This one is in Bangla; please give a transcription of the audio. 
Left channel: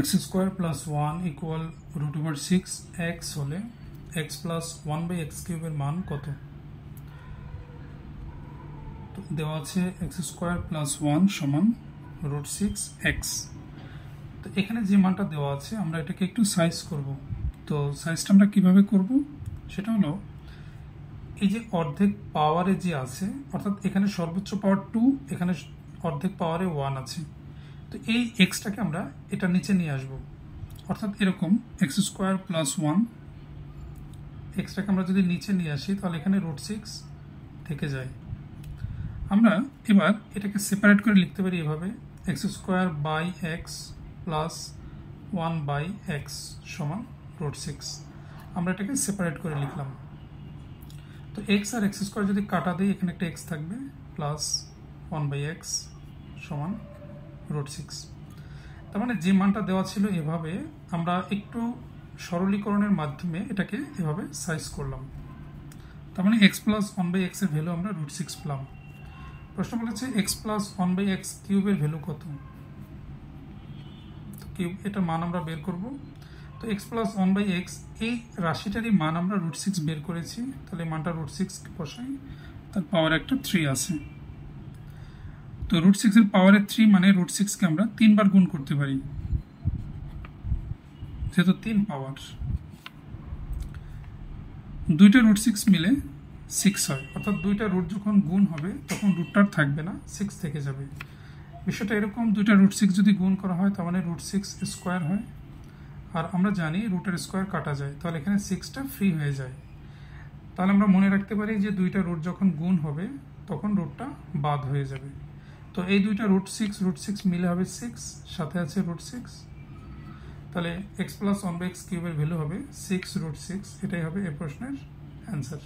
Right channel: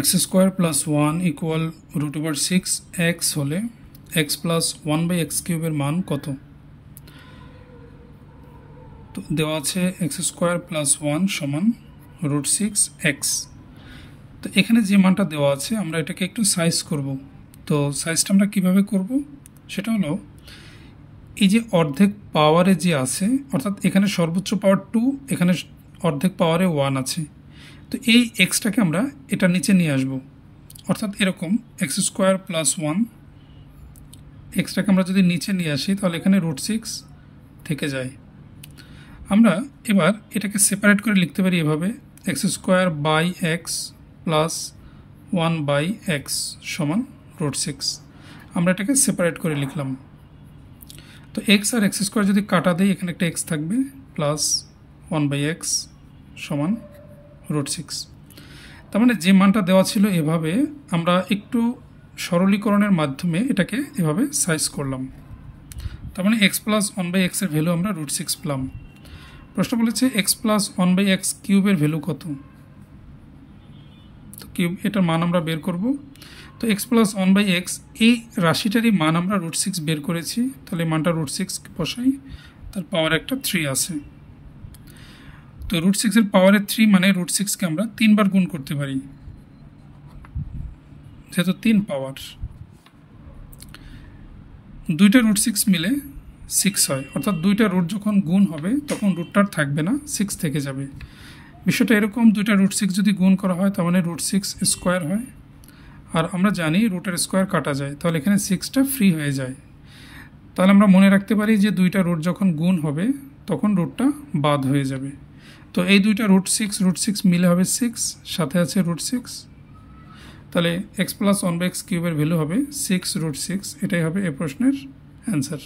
x square plus 1 equal root over 6x হলে x প্লাস 1/x কিউবের মান কত? তো দেওয়া আছে x স্কোয়ার প্লাস 1 সমান রুট 6x। তো এখানে যে মানটা দেওয়া আছে আমরা এটাকে একটু সাইজ করব। তো সাইজটা আমরা কীভাবে করব সেটা হলো এই যে অর্ধেক পাওয়ারে যে আছে, অর্থাৎ এখানে সর্বোচ্চ পাওয়ার 2, এখানে অর্ধেক পাওয়ারে 1 আছে। তো এই এক্সটাকে আমরা এটা নিচে নিয়ে আসব, অর্থাৎ এরকম এক্স স্কোয়ার প্লাস 1 এক্সটাকে আমরা যদি নিচে নিয়ে আসি তাহলে এখানে রুট 6 থেকে যায়। আমরা এবার এটাকে সেপারেট করে লিখতে পারি এভাবে, x square by x plus 1/x সমান রুট 6। আমরা এটাকে সেপারেট করে লিখলাম। তো এক্স আর এক্স স্কোয়ার যদি কাটা দেয় এখানে একটা এক্স থাকবে প্লাস 1/x সমান রুট 6। তার মানে যে মানটা দেওয়া ছিল এভাবে আমরা একটু সরলীকরণের মাধ্যমে এটাকে এভাবে সাইজ করলাম। তার মানে এক্স প্লাস 1/x এর ভ্যালু আমরা রুট 6 পেলাম। প্রশ্ন বলেছে এক্স প্লাস 1/x কিউবের ভ্যালু কত? তো কিউব এটার মান আমরা বের করব। তো এক্স প্লাস 1/x এই রাশিটারই মান আমরা রুট 6 বের করেছি, তাহলে মানটা রুট 6 বসাই, তার পাওয়ার একটা 3 আছে। তো রুট 6 এর পাওয়ারে 3 মানে রুট 6কে আমরা 3 বার গুণ করতে পারি, যেহেতু 3 পাওয়ার। দুইটা রুট 6 মিলে 6 হয়, অর্থাৎ দুইটা রুট যখন গুণ হবে তখন রুটটার থাকবে না, 6 থেকে যাবে। বিষয়টা এরকম, দুইটা রুট 6 যদি গুণ করা হয় তার মানে রুট 6 স্কোয়ার হয়, আর আমরা জানি রুটের স্কোয়ার কাটা যায়, তাহলে এখানে 6টা ফ্রি হয়ে যায়। তাহলে আমরা মনে রাখতে পারি যে দুইটা রুট যখন গুণ হবে তখন রুটটা বাদ হয়ে যাবে। তো এই দুইটা রুট 6 মিলে হবে 6, সাথে আছে রুট 6, তাহলে এক্স প্লাস 1/x কিউবের ভ্যালু হবে 6 রুট 6। এটাই হবে এই প্রশ্নের অ্যান্সার।